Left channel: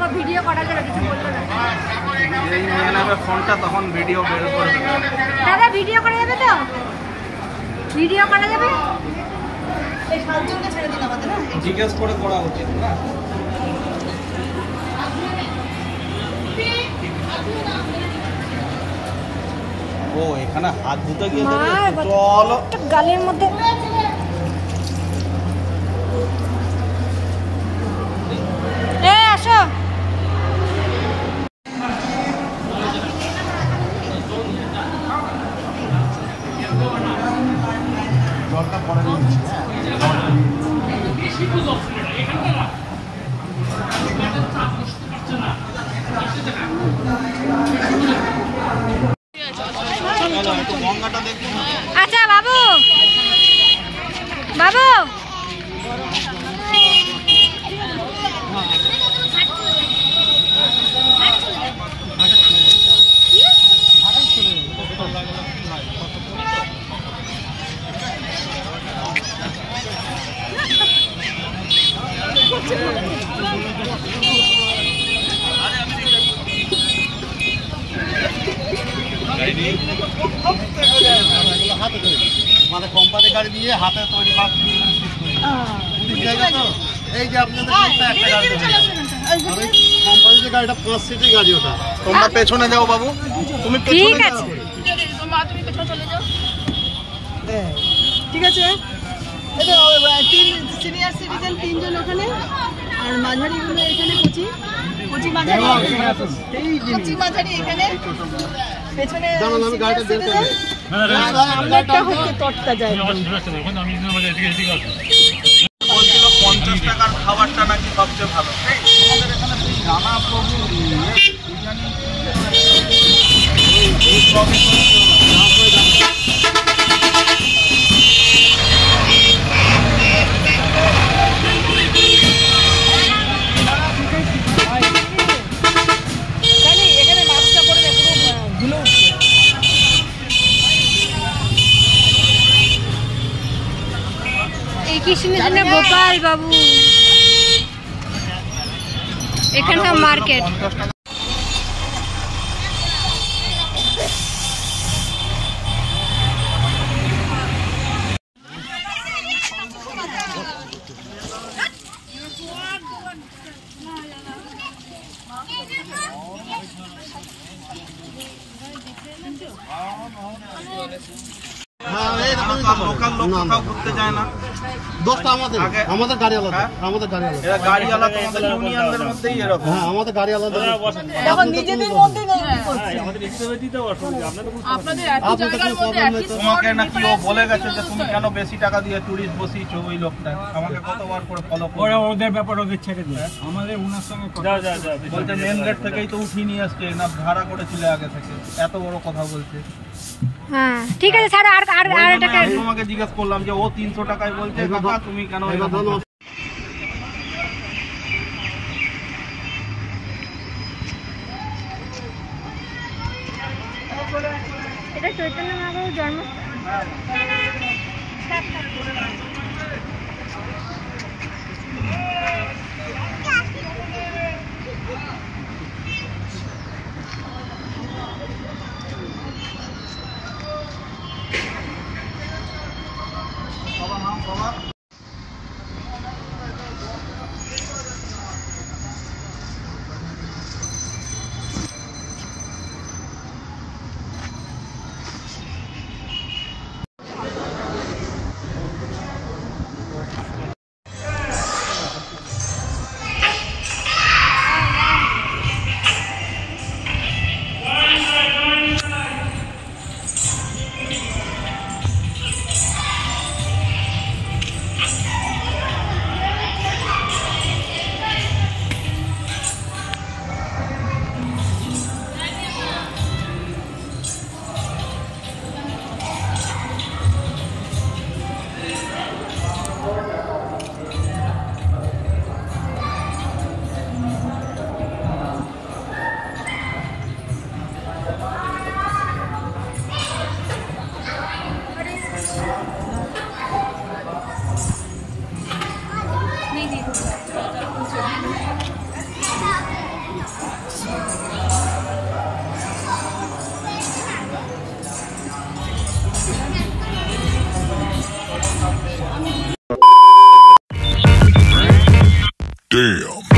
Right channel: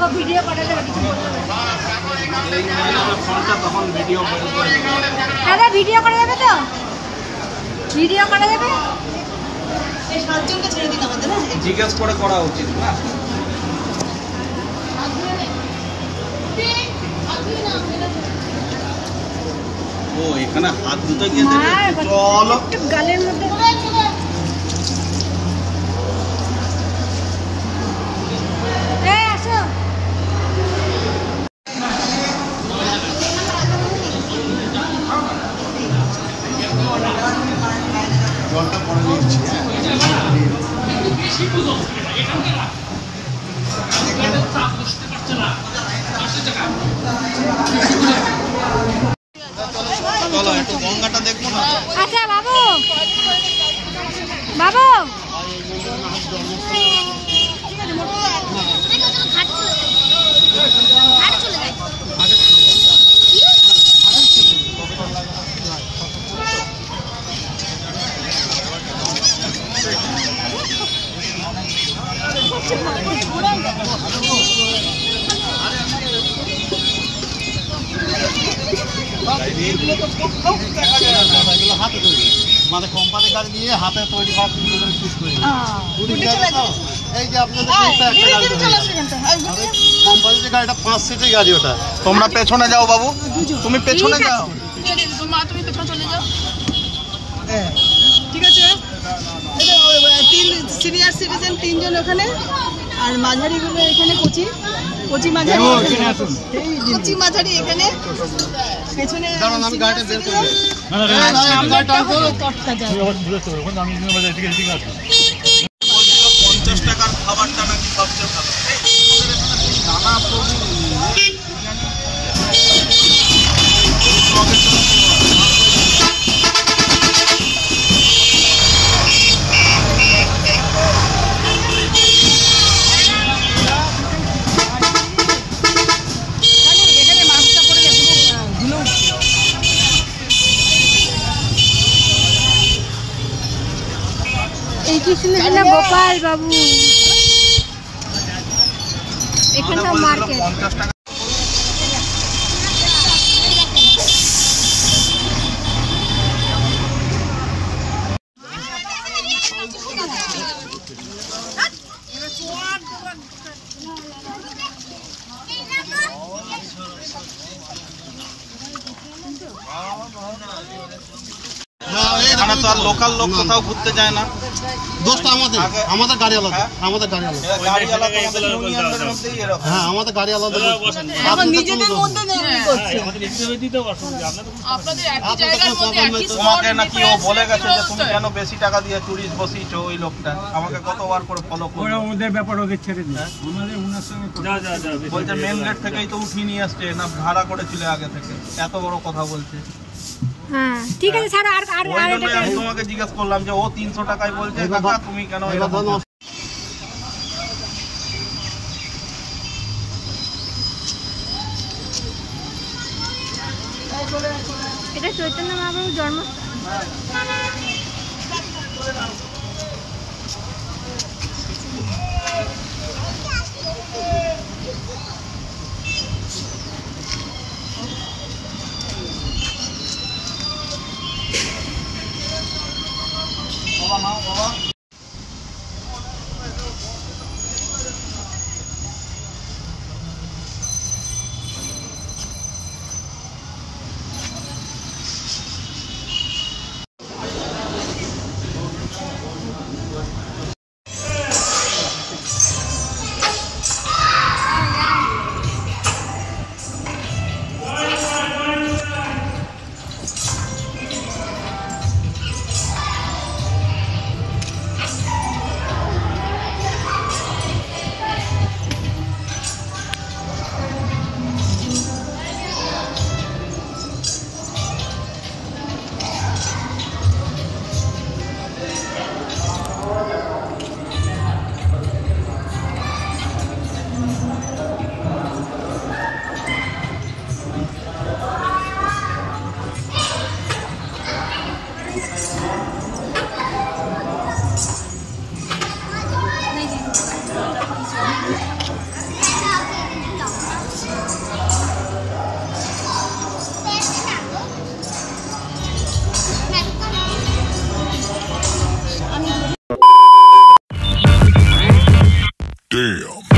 দেখো ভিডিও করা গেল কিছু বললো না। এই নিয়ে নেবে ফোনটা, তখন ভিডিও বের করে দেবে। দাদা ভিডিও করা যাবে তো? ভিডিও করা যাবে? এই 7 জনকে ছেড়ে দিন আমাদের, না জিজ্ঞেস করে করা উচিত না? ও এখানে হাত দুটো গিয়ে দেখো, চলো গালের মধ্যে আসো। চলো একটু গঙ্গাটা দেখবো না? আচ্ছা বাবু, বাবু আমাদের কোম্পানি গাড়ি দিয়ে হাতে তৈরি করা এই যে আপনাদের একটা গাড়ি কোম্পানির গাড়িটা 5 সিটের গাড়ি, ওটা তোমরা পেছনে যাও বাবু, তুমি পেছনে যাও। তুমি পেছনে চলে যাও। ঠিক আছে, তিন সিনিয়র সিটিজেন 3 জন ওখানে, আর মাঝারিগুলো এখানে কচি মাঝারি এখানে পেছনে। দাঁড়ান আমি গাড়িটা বের করি। বলছিল 50 টাকার খাবারটা নাকি সবচেয়ে ভালো। এই কি শুনেছি না গোপাল বাবু, এখানকার মার্কেট। 50 টাকা এখানে তো আর লোকাল লোক কোথাও ঘুরতে যায় না। দোষটা আমাদের গাড়ি আলাদা, আমাদের গাড়ি আলাদা। গাড়িওয়ালা তো আমাদের ইউনিয়নদের মধ্যেই এরকম। হ্যাঁ আমাদের গাড়ি আলাদা। এখন নিজেদের মধ্যে নেই করছে। আপনাদের একই জায়গার মধ্যে একই তোমাকে নাকি ও বলে গেছে যে তুমি কেন বেশি টাকা দিয়ে টুরিস্ট বসিয়েছো, ওই লোকটা আমাকে কতবার করে ফলো করে। ওদের ব্যাপার ওদের ছেড়ে দিন, আমাদের ওনার সঙ্গে বলতে মেন গেট থেকেই তো উঠিয়ে নিয়ে আসছে না, ভাড়া করেছিল আগে থেকে, এত বড় কথা বলছে। হ্যাঁ ঠিক আছে ছাড়ো। আর এটাকে আমি তোমাকে জিজ্ঞেস করলাম যে ও 300 টাকায় বলছে, কাকা তুমি কেন এরকম বলছো? এটা চৈতন্য মহাপ্রভুর জন্মস্থান। Damn.